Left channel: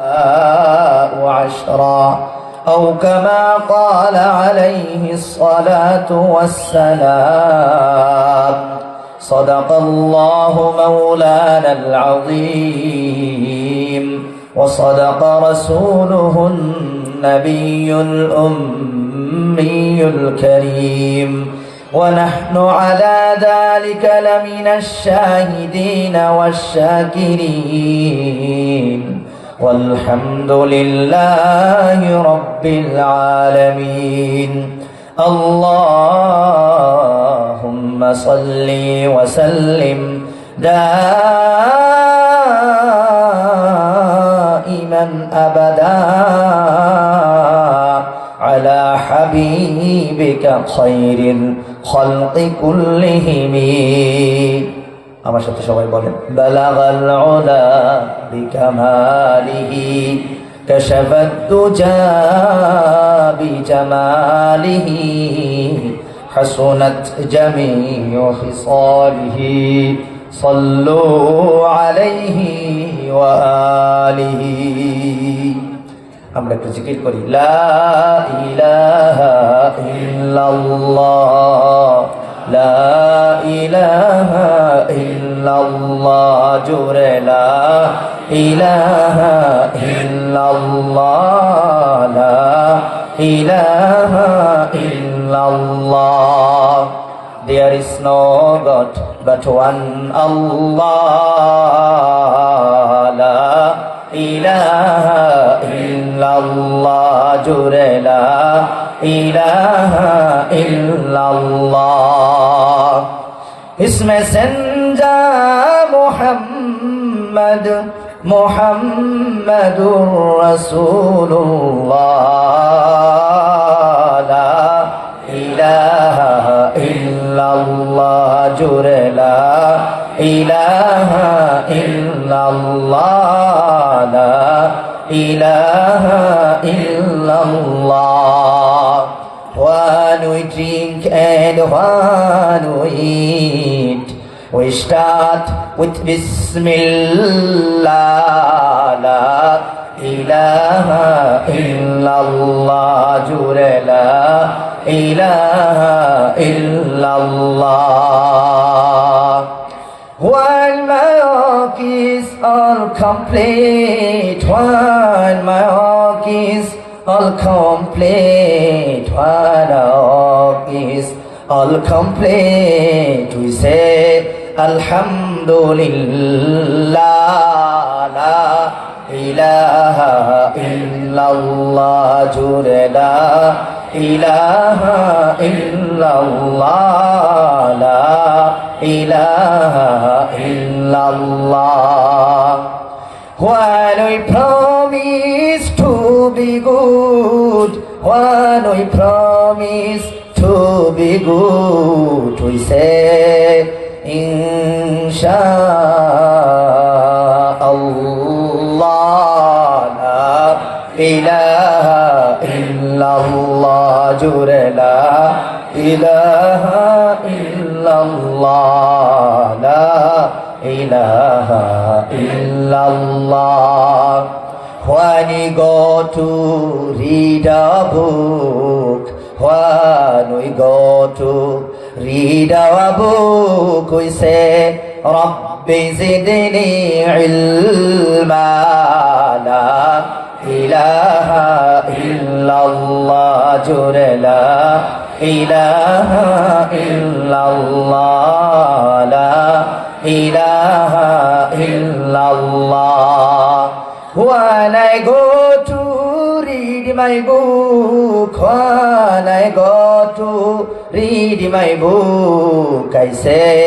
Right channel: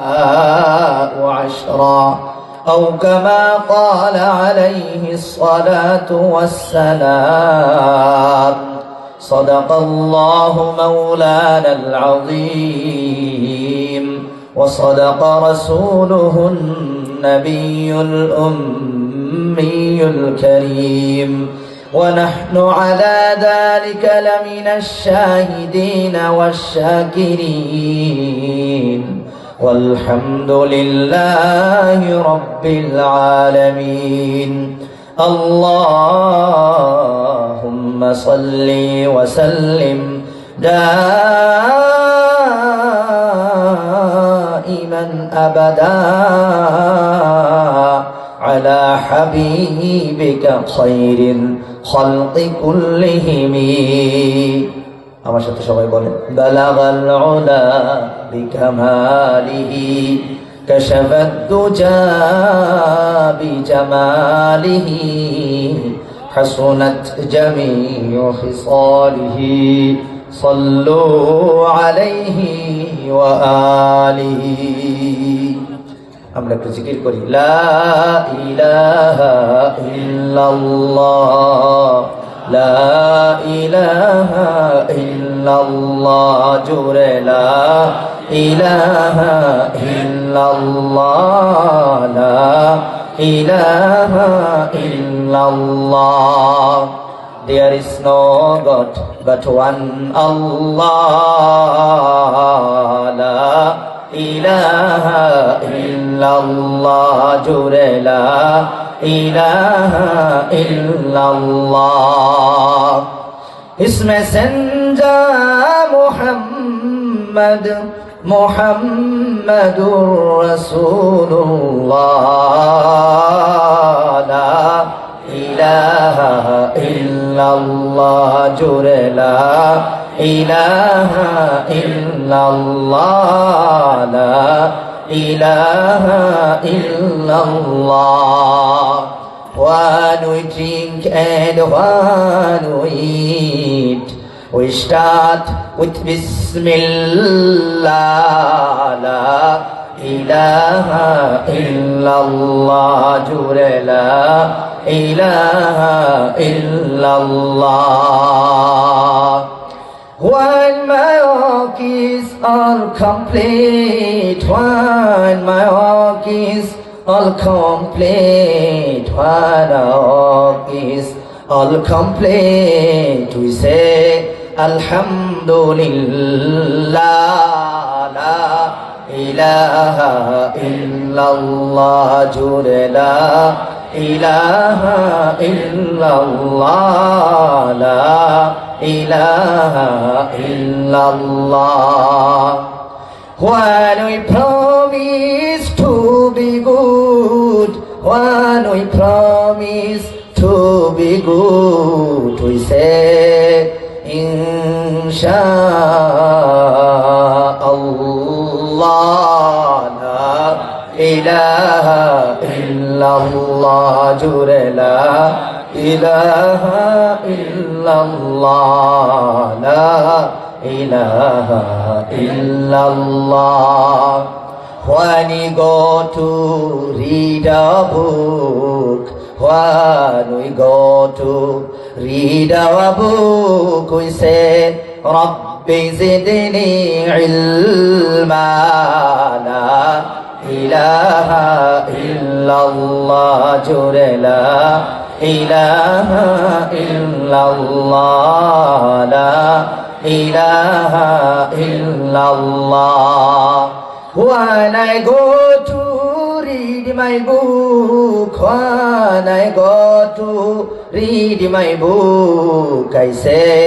وعشرا أو كما قال عليه الصلاة والسلام صدق الله مولانا العظيم وصدق رسوله النبي الأمي الكريم ونحن على ذلك لمن الشاهدين والشاكرين والحمد لله رب العالمين اللهم صل وسلم دائما أبدا على حبيبك خير الخلق كلهم আমার সাথে সবাই বলে বালাগাল উলা বিকামালিহি কশফাত দুজা বিজামালিহি হাসুনাত জামিউ খিসালিহি صلوا عليه وآله আমরা একটু জিকির করি লা ইলাহা ইল্লাল্লাহ লা ইলাহা ইল্লাল্লাহ জোরে লা ইলাহা ইল্লাল্লাহ লা ইলাহা ইল্লাল্লাহ There is no God but one Allah La ilaha illallah Jure la ilaha illallah اسم سنجا محمد محمد رسول الله لا إله إلا الله جر لا إله إلا الله لا إله إلا الله What we drink and what we eat. We start with Bismillah, la ilaha illallah, jure la ilaha illallah. When my work is all complete, when my work is all complete, one of is all complete we say alhamdulillah la ilaha illallah jure la ilaha illallah la ilaha illallah when we promise one we promise to be good, we say, Insha'Allah, la ilaha illallah, jure la ilaha illallah, la ilaha illallah. Wani go to read a book. When we go to read our book, we say, Rabbi zidni ilma la ilaha illallah jure la ilaha illallah la ilaha illallah When I go to read my book, when I go to read my book, I say.